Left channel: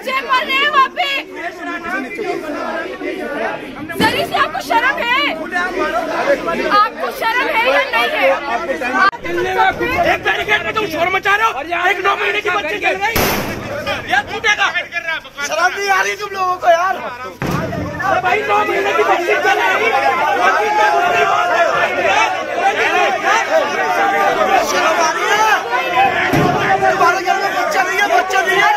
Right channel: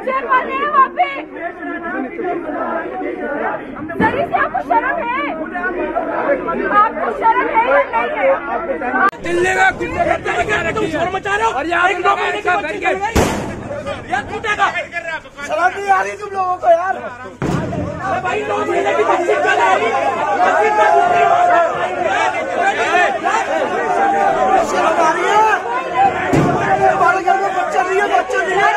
बच्चे मर रहे हैं वहाँ पे। जरी से आपको शर्म है? आपको शर्म है या नहीं है? दिल्ली में एक तरीके से तुम शोर मचा रहे हो, एक 9 महीने के बच्चे के ये टूटेगा। शर्म नहीं आ रही तुम लोगों को यार? भाई 9 महीने की बच्ची चल रही है। हमारे घर में बच्चा नहीं है, बच्चा नहीं है।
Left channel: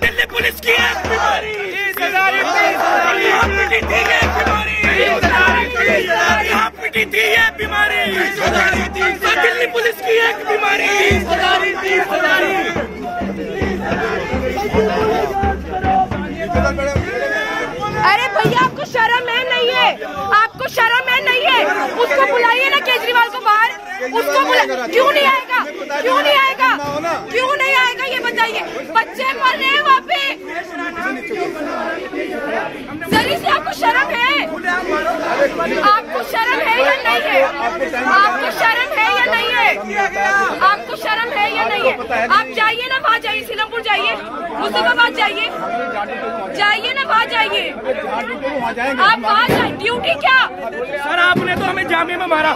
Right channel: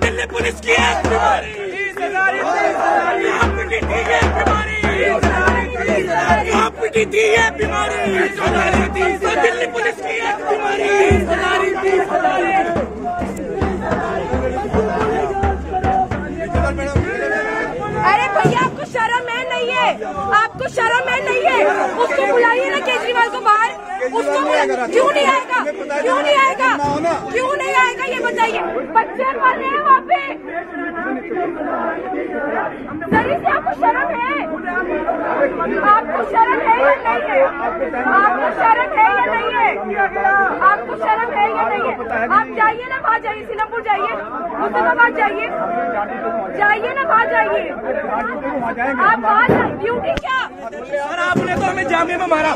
दिल्ली पुलिस की है बीमारी, पिटी थी है बीमारी, दिल्ली पुलिस की है बीमारी। अरे भैया आपको शर्म है नहीं है? आपको शर्म है नहीं है? उसको बुलाइए ना केजरीवाल को बाहर, उसको बुला। क्यों नहीं आएगा? क्यों नहीं आएगा? क्यों नहीं आएगा ये बताइए? बच्चे मर रहे हैं वहाँ पे। जरी से आपको शर्म है? आपको शर्म है या नहीं है? आपको शर्म है या नहीं है? आपको शर्म है या नहीं है? आप जाइए ना वहाँ, जाइए सीलमपुर जाइए, मुस्तफाबाद जाइए, जाइए ना वहाँ जाइए। आप वहाँ जाइए। ड्यूटी क्या सर? आपने तो हमें जामिया में मारा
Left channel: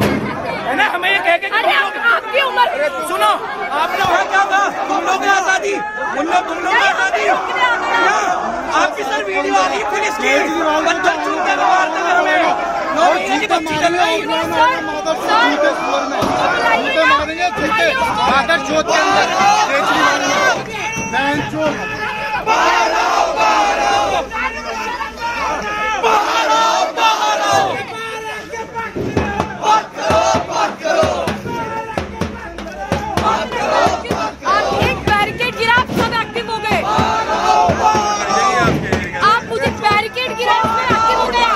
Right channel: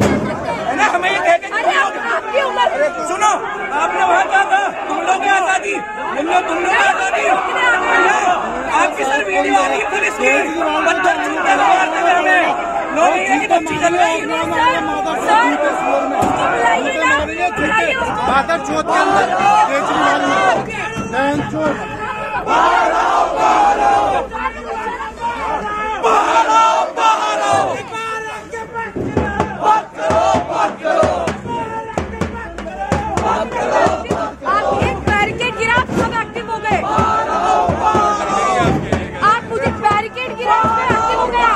है ना, हमें ये कह के। अरे आपकी उम्र सुनो, आपने वहाँ क्या कहा? तुम लोग ने आजादी, तुम लोग ने आजादी है ना? आपकी सर वीडियो आ रही है पुलिस की, पत्थर छूटते हुए मारते हुए हमें। 9 महीने की बच्ची चल रही। उसको बुलाइए ना, बुलाइए उसको। आप एक बैरिकेड गिरा, सब एक्टिव हो गए। आप मुझे बैरिकेड गिरा, उसमें एक्टिव हो गया।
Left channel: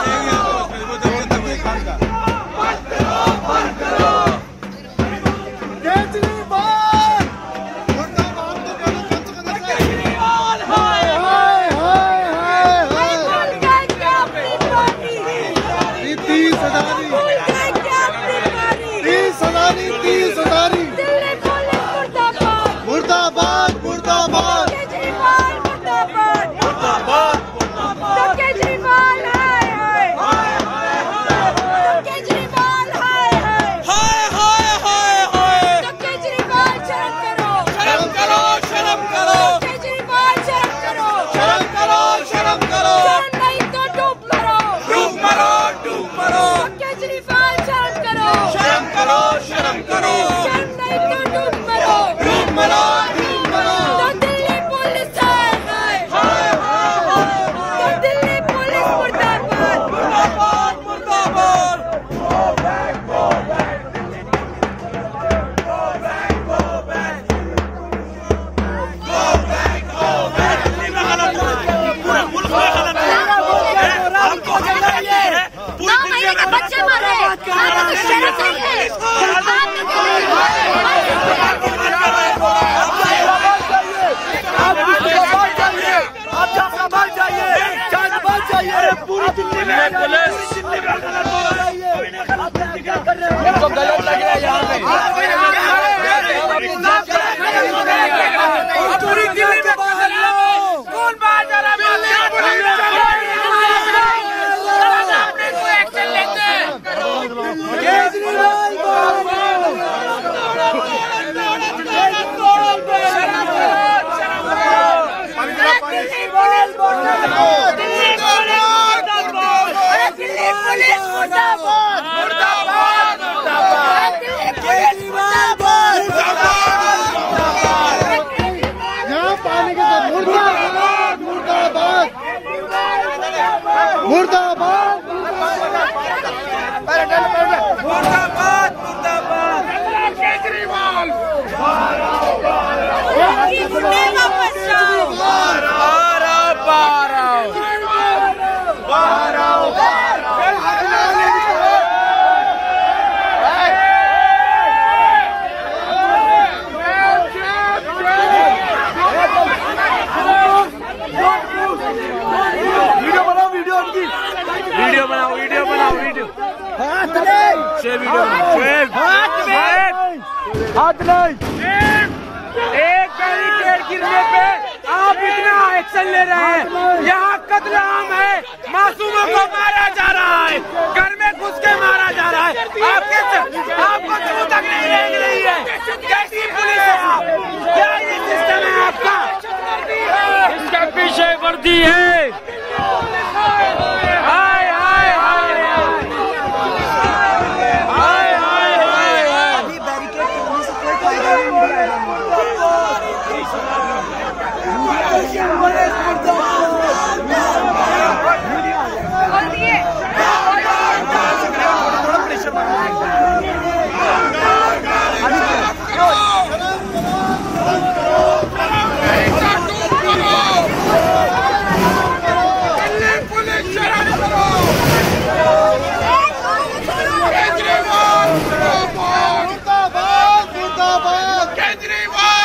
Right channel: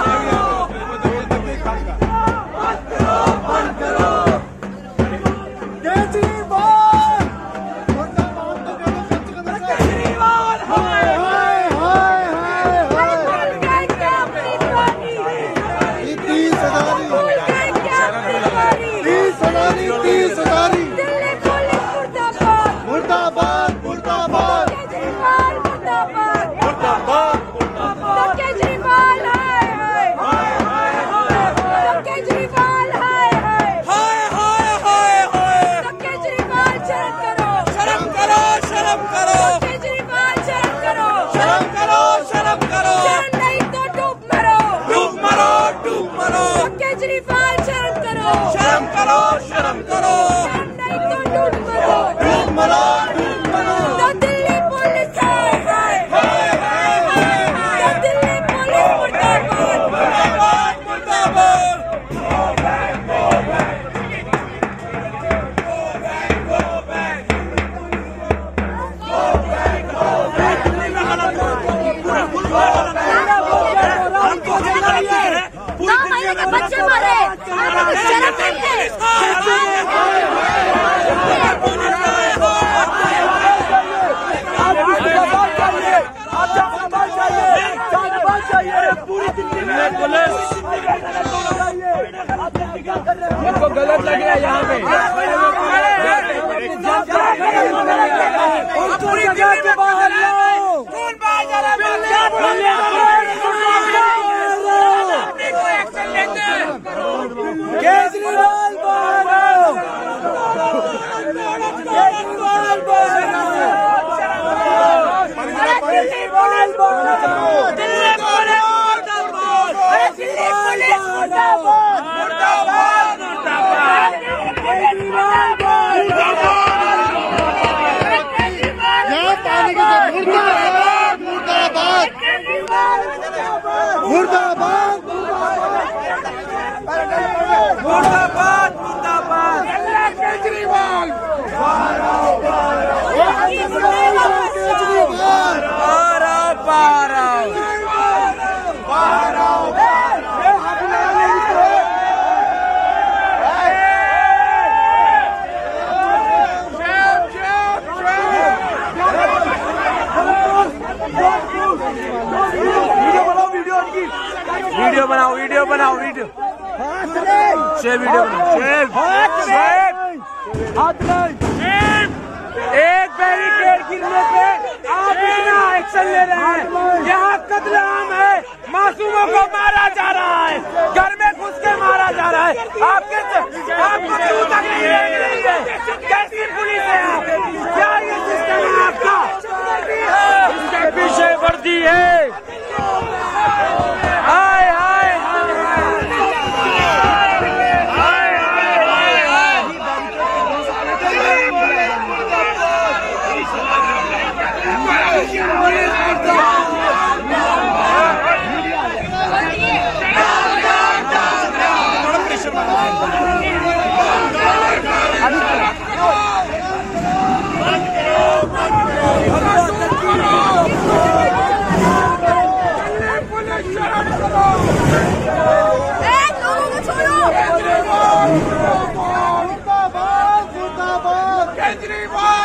शर्म करो, नहीं तो डूब मरो, डूब मरो, डूब मरो। तो दिल्ली पुलिस है, तो दिल्ली पुलिस मुर्दाबाद, मुर्दाबाद, मुर्दाबाद। बच्चे मरे, पूरी दिल्ली में तो गलत लग रहा है यहाँ पे। पूरी दिल्ली के बाहर कौन बाहर जा रहा है? एक्शन लेते हैं बनाओ वीडियो हाथ नहीं, शेयर वीडियो हाथ नहीं। एक बैरिकेड गिरने पे आप इतना एक्शन ले रहे हैं। यहाँ कत्लेआम है, मासूमों को मारा जा रहा है, घर में घुस के मारा जा रहा है। आपको क्यों तकलीफ नहीं है? कैसी पुलिस है आप? क्या ये सिस्टम है आपका? इसके पीछे वर्दी है। हाय हाय हाय केजरीवाल